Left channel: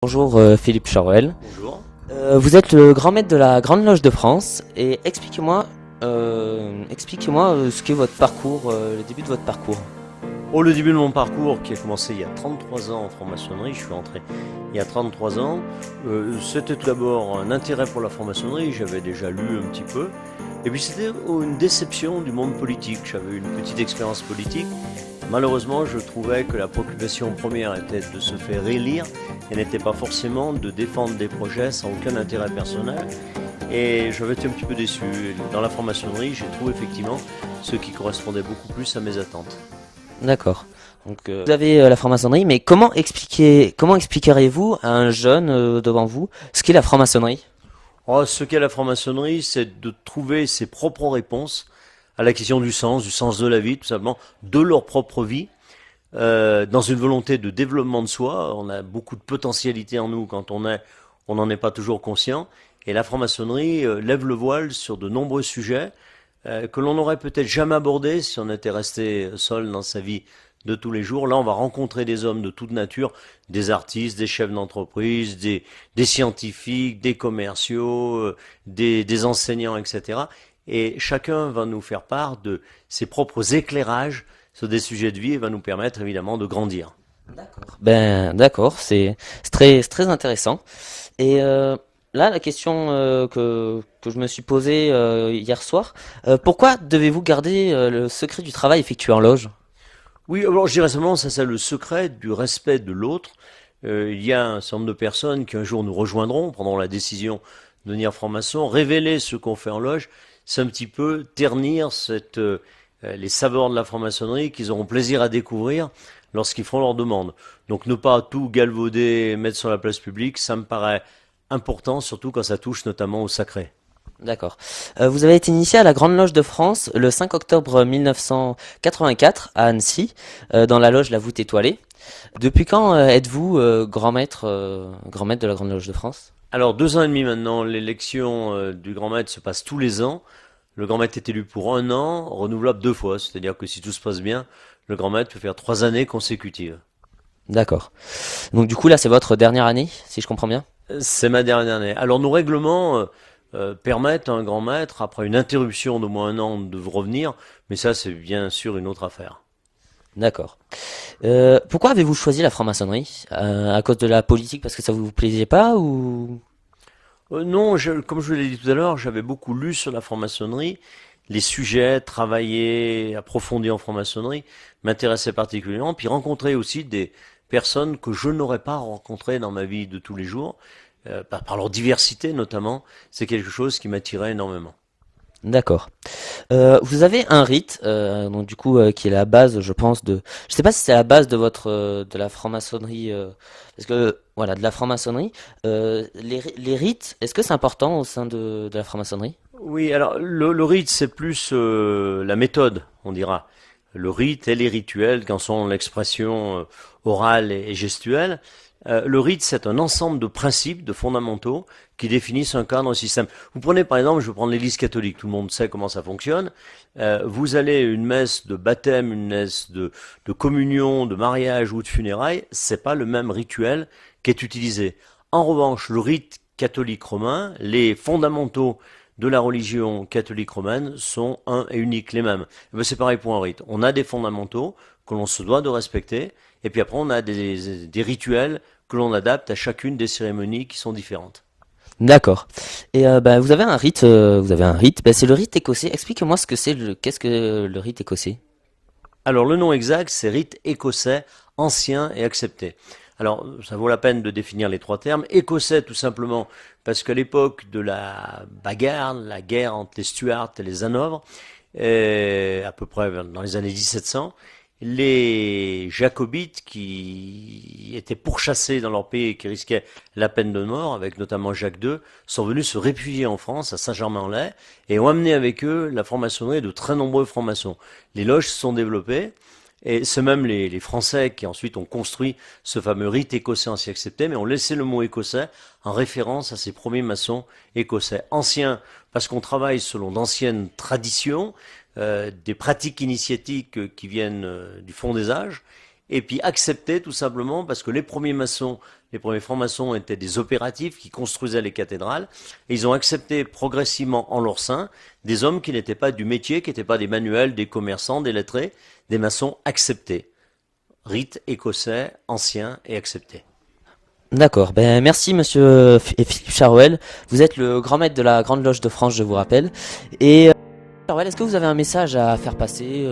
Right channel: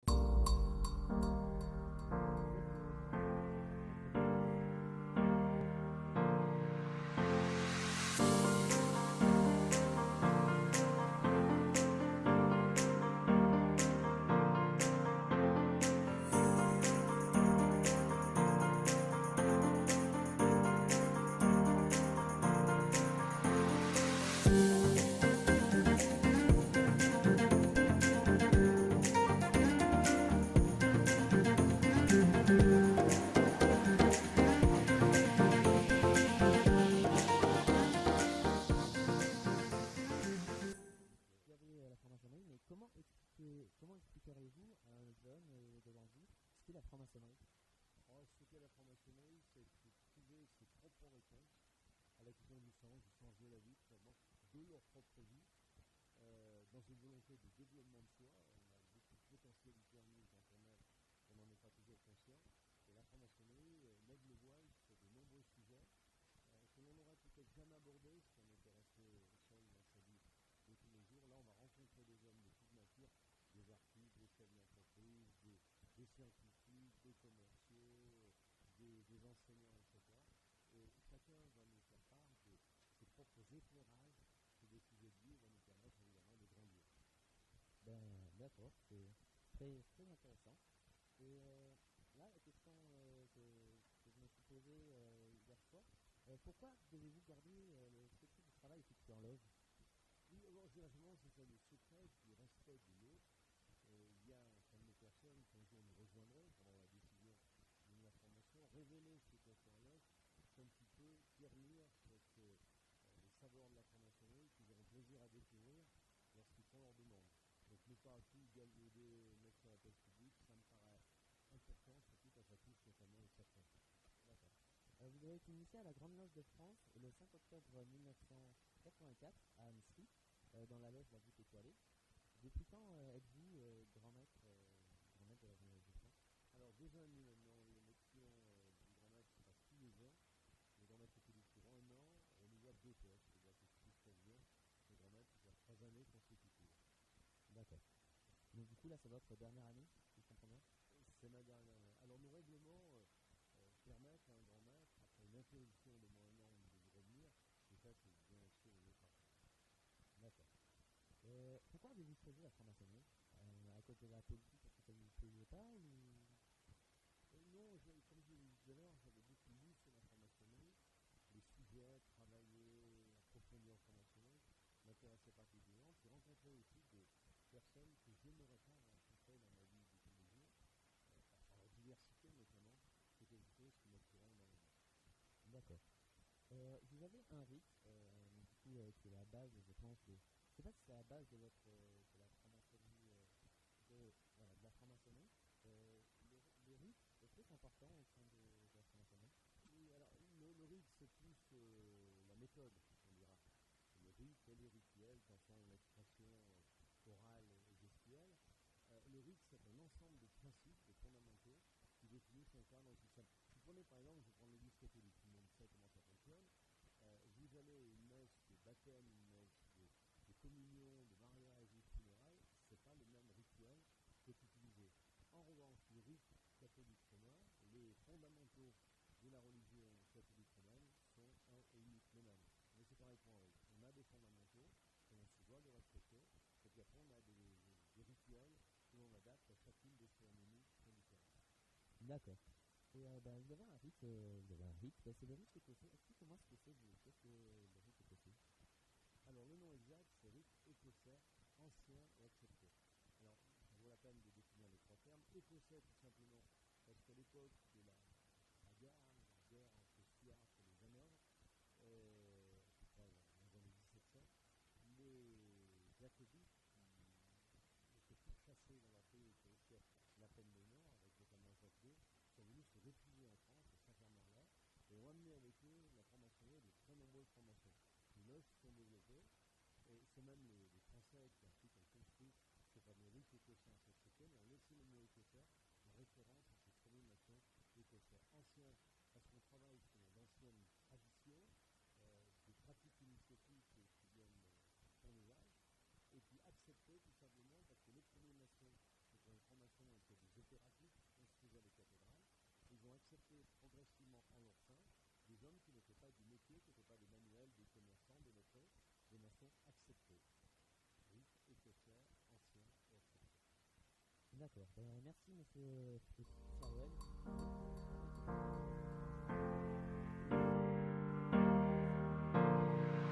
Bonjour Philippe Charuel. Bonjour. Vous êtes le grand maître de la Grande Loge de France et expliquez-moi ce qu'est votre parcours, le début de votre parcours. Oh, le début de mon parcours qui a commencé il y a 33 ans en franc-maçonnerie, je suis entré il y a 33 ans, c'était tout d'abord un intérêt pour la franc-maçonnerie, j'avais déjà lu un petit peu, et puis c'était une déception du monde politique, j'avais eu une petite expérience politique, malheureusement je trouvais que la préoccupation première était de se faire élire, et n'était pas forcément de défendre des projets sans aucun intérêt personnel, et j'avais été un petit peu déçu. Dans la franc-maçonnerie, j'ai trouvé effectivement ce qui correspondait beaucoup plus à mes attentes. D'accord. Donc vous avez la franc-maçonnerie, mais comment expliqueriez-vous à un jeune devant vous ce qu'est la franc-maçonnerie? Oh, ce qu'est la franc-maçonnerie, c'est de trouver ses propres réponses à la question du sens de la vie, tout simplement, de leur propre vie, dans une volonté de développement de soi. On a beaucoup de potentialité en nous quand on n'en est pas toujours conscient. Et la franc-maçonnerie lève le voile sur de nombreux sujets que l'on n'aurait peut-être jamais abordés si on était resté seul dans sa vie de tous les jours. Là, on va rencontrer des hommes de toute nature, des artistes, des chefs d'entreprise, des scientifiques, des commerciaux, des enseignants, etc. Et chacun va nous faire part de ses propres éclairages sur des sujets de vie et va nous permettre évidemment de grandir. Ben d'accord, c'est très intéressant. Et là, la question que je me suis posée hier soir, pourquoi devez-vous garder le secret du travail effectué en loge? Oui, alors je dirais simplement, ça c'est le secret du respect de l'autre. Il y a un certain nombre de personnes qui un jour nous rejoindront, prendront la décision de devenir franc-maçon, révéler ce qu'on fait en loge, c'est un petit peu ternir les saveurs de la franc-maçonnerie qu'ils auront plaisir à découvrir lorsqu'ils feront leur demande. Donc ne pas tout galvauder, mettre sur la place publique, ça me paraît important, surtout quand ça touche notamment au sacré. D'accord. Vous avez été initié à la Grande Loge de France le 5 octobre 1984 à Annecy, dans la loge La Voûte Étoilée. Depuis quand êtes-vous grand maître de la Grande Loge de France? Alors 2 ans et demi maintenant, l'élection du grand maître se passe tous les ans. Le grand maître est élu pour un an, renouvelable 2 fois. C'est-à-dire que si tout se passe bien, le grand maître peut faire 3 années consécutives. D'accord. Donc du coup là c'est votre dernière année, si je comprends bien? C'est ma dernière année. Alors nos règlements permettent à un grand maître, après une interruption d'au moins un an, de revenir. Mais ça, c'est bien sûr une autre affaire. D'accord. Pourquoi avez-vous choisi la franc-maçonnerie? À cause de la politique parce que ça vous plaisait pas ou... Non, comme je l'ai dit tout à l'heure, j'avais beaucoup lu sur la franc-maçonnerie. Les sujets travaillés, approfondis en franc-maçonnerie m'intéressaient particulièrement. Puis rencontrer aussi des personnes que je n'aurais pas rencontrées dans ma vie de tous les jours, par leur diversité notamment, c'est quelque chose qui m'attirait énormément. D'accord. Vous avez un rite, donc du coup qui est la base, je pense de. Je sais pas si c'est la base de votre de la franc-maçonnerie, parce que voilà, de la franc-maçonnerie. Les rites, est-ce que c'est important au sein de la franc-maçonnerie? Oui, alors le rite, c'est plus la méthode, on dira. Le rite et les rituels, quand sont l'expression orale et gestuelle. Le rite, c'est un ensemble de principes, de fondamentaux, qui définissent un cadre, un système. Vous prenez par exemple, je vais prendre l'Église catholique, tout le monde sait comment ça fonctionne. Vous allez à une messe de baptême, une messe de communion, de mariage ou de funérailles, c'est pas le même rituel qui est utilisé. En revanche, le rite catholique romain, les fondamentaux de la religion catholique romaine sont un et uniques, les mêmes. C'est pareil pour un rite. On a des fondamentaux que l'on se doit de respecter, et puis après on a des rituels que l'on adapte à chacune des cérémonies qui sont différentes. D'accord. Et bah, vous avez un rite. Bah, c'est le rite écossais. Expliquez-moi ce que c'est qu'est-ce que le rite écossais? Alors le nom exact, c'est rite écossais, ancien et accepté. Alors ça vaut la peine de définir les trois termes. Écossais tout simplement parce qu'à l'époque de la bagarre, la guerre entre les Stuarts et les Hanovres, à peu près dans les années 1700, les Jacobites qui étaient pourchassés dans leur pays et qui risquaient la peine de mort, avec notamment Jacques II, sont venus se réfugier en France, à Saint-Germain-en-Laye, et ont amené avec eux la franc-maçonnerie et de très nombreux francs-maçons. Les loges se sont développées, et c'est même les Français qui ensuite ont construit ce fameux rite écossais ancien accepté, mais ont laissé le mot écossais en référence à ces premiers maçons écossais. Anciens, parce qu'on travaille selon d'anciennes traditions, des pratiques initiatiques qui viennent du fond des âges, et puis acceptés tout simplement parce que les premiers maçons Les premiers francs-maçons étaient des opératifs qui construisaient les cathédrales. Et ils ont accepté progressivement en leur sein des hommes qui n'étaient pas du métier, qui n'étaient pas des manuels, des commerçants, des lettrés, des maçons acceptés. Rite écossais, ancien et accepté. D'accord. Ben, merci, monsieur Philippe Charouel. Vous êtes le grand maître de la Grande Loge de France, je vous rappelle. Et Charouel, est-ce que vous avez un message à faire passer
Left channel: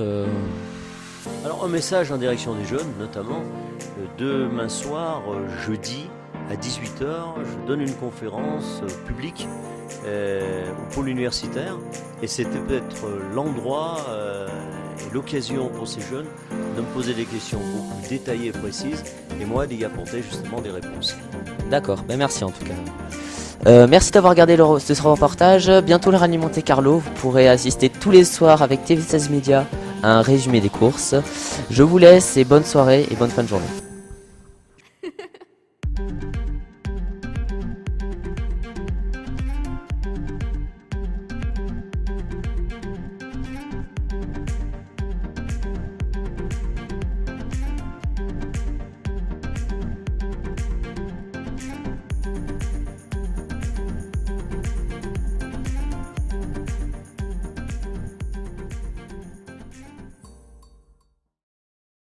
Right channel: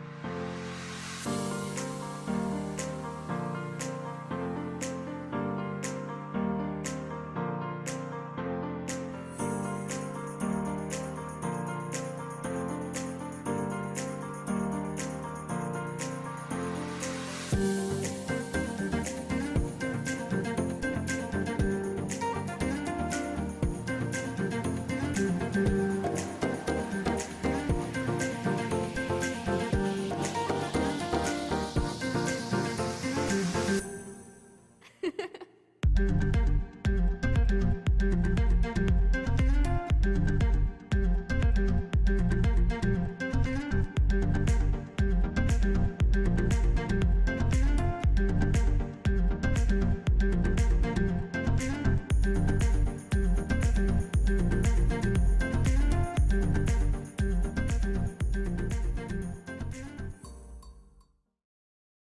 Alors un message en direction des jeunes, notamment. Demain soir, jeudi, à 18 heures, je donne une conférence publique au pôle universitaire. Et c'était peut-être l'endroit, l'occasion pour ces jeunes de me poser des questions beaucoup plus détaillées et précises, et moi d'y apporter justement des réponses. D'accord. Ben, merci en tout cas. Merci d'avoir regardé ce reportage. Bientôt le Rallye Monte Carlo. Vous pourrez assister tous les soirs avec TV16 Media à un résumé des courses. Je vous laisse et bonne soirée et bonne fin de journée.